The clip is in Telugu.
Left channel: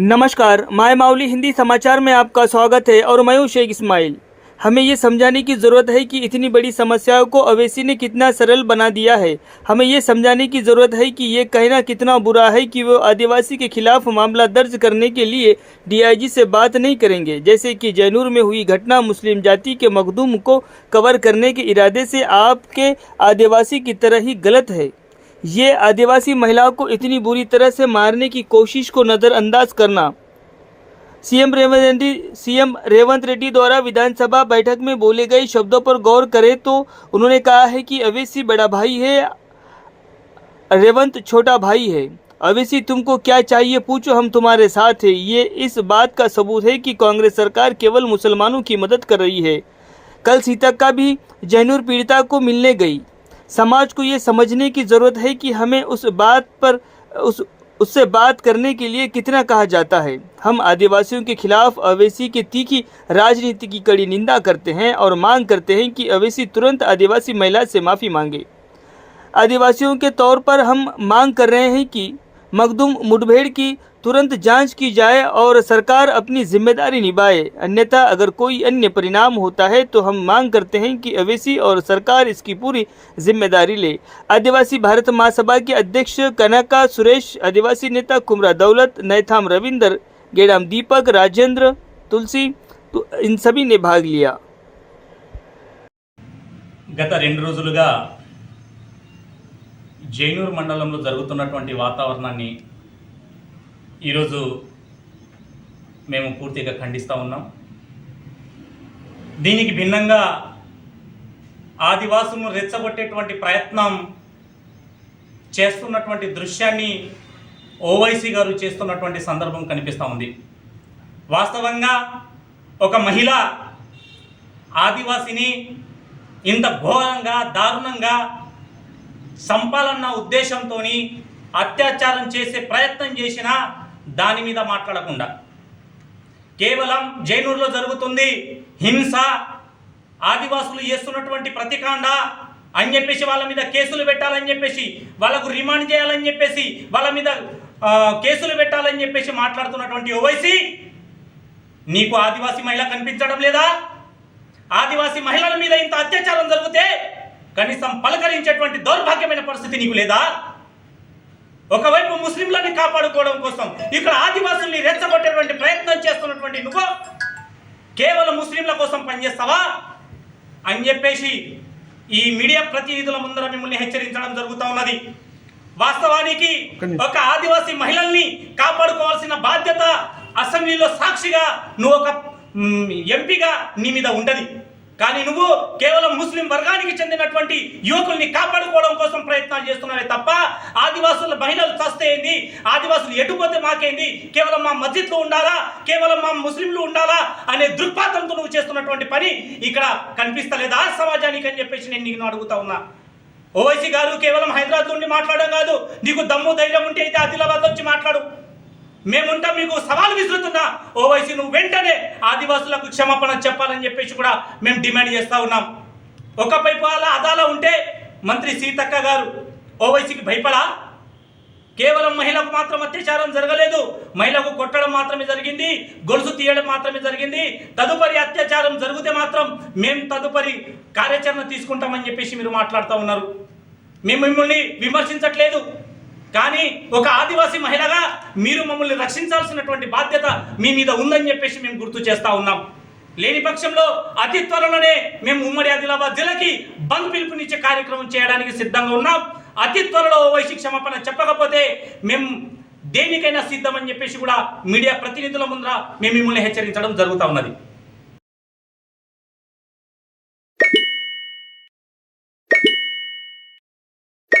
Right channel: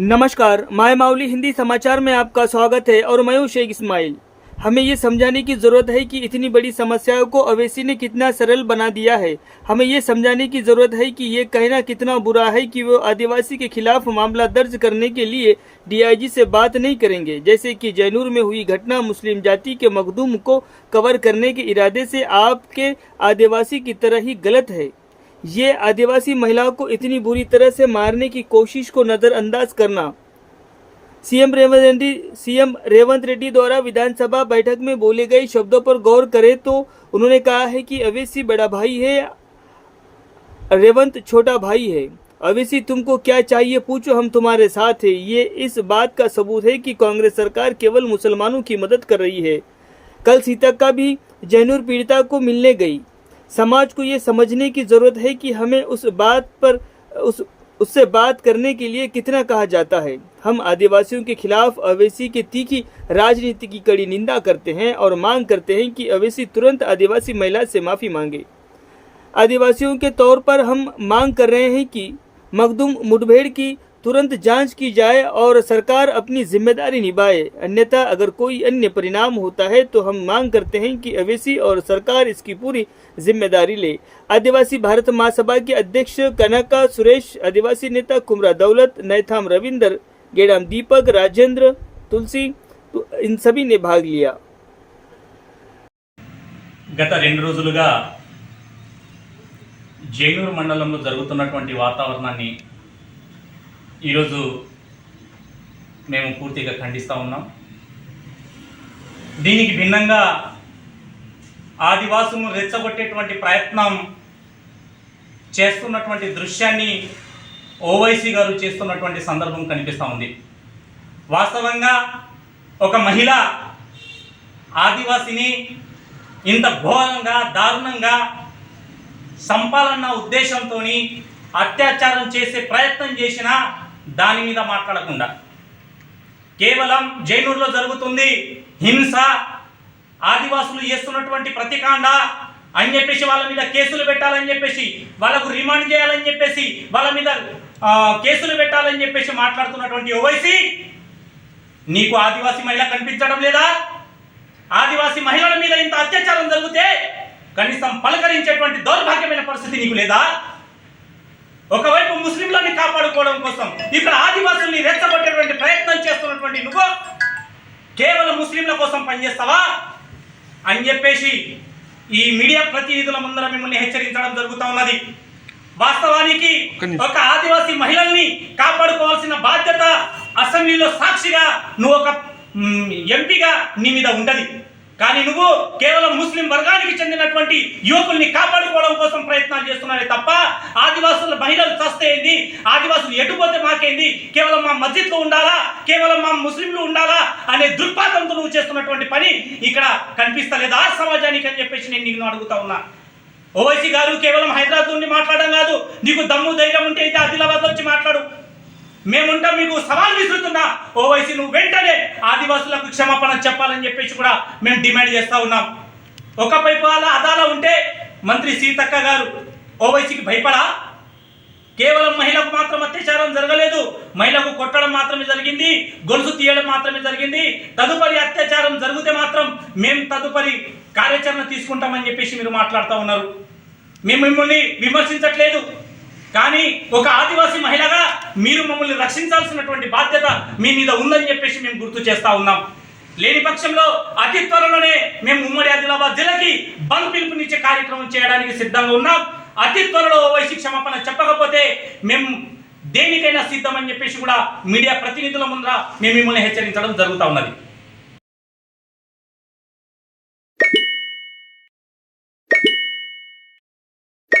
नमस्कार, माय माउली हिंदी समाचार में आपका स्वागत है और मैं हूं शेख इस्माइल। हमें ये समझाने की ज़रूरत है कि इतनी बड़ी समस्याओं को ओवैसी ने कितना सरल बना दिया है। हमें ये समझाने की ज़रूरत है कि ये कहना कितना बुरा है कि वो आदिवासी के खिलाफ मामला दर्ज करने के लिए डीआईजी से बात नहीं करेंगे। जैसे कि जैनूर में हुई घटना मुस्लिम जाति के मखदूम को कवर करने के इरादे से आपके आदिवासी की तरह ही गलत है। ये आदिवासी महिलाओं को इतनी बुरी तरह से मारने की कोशिश को नज़रअंदाज करना। सीएम रेवंत रेड्डी द्वारा विधानसभा बैठक में बोले गए शब्दों पर गौर करें तो उन्होंने कहा है कि ओवैसी बड़ा भाई है, रेवंत छोटा भाई है। ओवैसी तुमको क्या चाहिए पूछो, हम तुम्हारे साथ हैं। ये इस बात का सबूत है कि कांग्रेस सरकार केवल मुसलमानों की मदद कर रही है। कल सीतक्का भी जैनूर पीड़िता को मिलने गई। समाज को ये समझने की ज़रूरत है कि हमें उससे बात करने के लिए कितना कहा जाता है। हम आदिवासियों के खिलाफ ओवैसी की तीखी राजनीति की कड़ी निंदा करते हैं और मांग करते हैं कि ओवैसी तुरंत आदिवासी महिला से माफ़ी मांगे। आदिवासियों के तौर पर हम मांग कर रहे हैं कि मखदूम मुठभेड़ की तुरंत जांच की जाए और सरकार अपनी जिम्मेदारी निभाए। अन्यथा अगर कोई अन्य परिणाम होता है तो हम मांग करते हैं कि ओवैसी और सरकार इसकी पूरी जिम्मेदारी ले। आदिवासी भारत महासभा के अध्यक्ष कनका सुरेश, आदिवासी नेता कुमरा दौलत, नैथाम रविंदर, गेडाम दीपक, राजेंद्र, तुलसी तो इन सभी ने भाग लिया। గత 2 రోజులుగా జైనూర్ మండలంలో జరుగుతున్నటువంటి వాతావరణాన్ని ఈరోజు మేము పూర్తిగా ఖండిస్తూ ఉన్నాం. దీనికి భిన్నంగా ఆదివాసులను రెచ్చగొట్టేటువంటి ప్రయత్నం చేస్తున్నటువంటి దృశ్యాన్ని ఓవైసీ గారు చేస్తున్నటువంటి సందర్భం కనిపిస్తూ ఉంది. వాస్తవంగా ఒక మహిళ ఆదివాసిని ఇంత ఘోరంగా దారుణంగా సంపాలన్న ఉద్దేశంతో అత్యాచారం చేసే ప్రయత్నం చేసినా దాని మీద మాట్లాడకుండా కేవలం జైనూర్లో జరుగుతుంది హింస, ఆదివాసులు చేస్తున్నటువంటి ప్రతికాండ అని చెప్పేసి వాళ్ళ మీద కేసులు పెట్టాలని చెప్పేసి, వాళ్ళకు రిమాండ్ చేయాలని చెప్పేసి, వాళ్ళ మీద కేసులు పెట్టాలని చెప్పేసి మాట్లాడుతున్నటువంటి ఓవైసీ, నీకు ఆదివాసీ మహిళ కనిపించడం లేదా? ఆదివాసీ మహిళల మీద ఇంత అత్యాచారం జరిగితే కనీసం పలకరించేటువంటి దౌర్భాగ్యమైన పరిస్థితి నీకు లేదా? ఒకవైపు ముస్లింలని కాపాడుకోవడం కోసం ఇక్కడ ఆదివాసుల్ని రెచ్చగొట్టేటువంటి ప్రయత్నం చేస్తున్నటువంటి నువ్వు కేవలం ముస్లింల కోసం పనిచేస్తావా అని చెప్పేసి ఈ మీడియా ప్రతినిధుల ముందర మిమ్మల్ని హెచ్చరించడం జరుగుతూ ఉన్నది. వాస్తవానికి ఒక ఆదివాసీ మహిళల్ని కాపాడుకోవాల్సిన బాధ్యత అసెంబ్లీలో సాక్షిగా నువ్వు ఒక ఎంపీగా నీ మీద ఉంటది. కానీ నువ్వు కేవలం ముస్లిం వర్గానికి చెందినటువంటి యువకుల్ని కాపాడుకోవడం కోసం ప్రయత్నాలు చేస్తున్నావే తప్ప ఆదివాసుల మహిళలు చస్తే ఏంది, ఆదివాసులు ఎటుపోతే మాకేంది, కేవలం మా మస్జిద్లో ఉండాలా, కేవలం మా ముస్లింలు ఉండాలా అనే దుర్పాతంతో నువ్వు చేస్తున్నటువంటి పని ఇక్కడ కనిపిస్తలేదా సమాజానికి అని చెప్పేసి నేను నిన్ను అడుగుతా ఉన్నా. ఓవైసీ గారు కేవలం హైదరాబాద్ నుండి మాట్లాడడం కాదు, నీకు దమ్ము ధైర్యం ఉంటే అయితే ఆదిలాబాద్ వచ్చి మాట్లాడు, మేముంటాం. మీకు సవాల్ విసురుతున్నా ఓవైసీ నువ్వు వెంటనే ఆదివాసులకు క్షమాపణ చెప్పాలని చెప్పేసి కూడా మేము డిమాండ్ చేస్తూ ఉన్నాం. ఒకవైపు అదాలా ఉంటే మంత్రి సీతక్క గారు ఓవైసీకి భయపడా? కేవలం మహిళకు మాత్రం అత్యాచారం జరగలేదు, మహిళకు కొట్టడం మాత్రమే జరిగింది, గొలుసు తీయడం మాత్రమే జరిగింది. తదుపరి అత్యాచారం జరిగితే మాత్రం మేము తదుపరి కార్యాచరణ తీసుకుంటామని చెప్పేసి మీరు మాట్లాడుతూ ఉన్నారు. మేము మిమ్మల్ని విమర్శించట్లేదు, కానీ ఒక ఆదివాసీ మహిళగా మీరు మమ్మల్ని రక్షించాల్సినటువంటి బాధ్యత మీ మీద ఉందని చెప్పేసి మేము గుర్తు చేస్తూ ఉన్నాం. లేని పక్షంలో అతి త్వరలోనే మేము ఉమ్మడి ఆదిలాబాద్ జిల్లాకి బంద్ పిలుపునిచ్చే కార్యక్రమం చేయడానికి సిద్ధంగా ఉన్నాం. అతి త్వరలో ఓవైసీ క్షమాపణ చెప్పకపోతే మేము దేనికైనా సిద్ధమని చెప్పేసి కూడా మీడియా ప్రతినిధుల ముందర మేము మిమ్మల్ని హెచ్చరించడం జరుగుతూ ఉన్నది.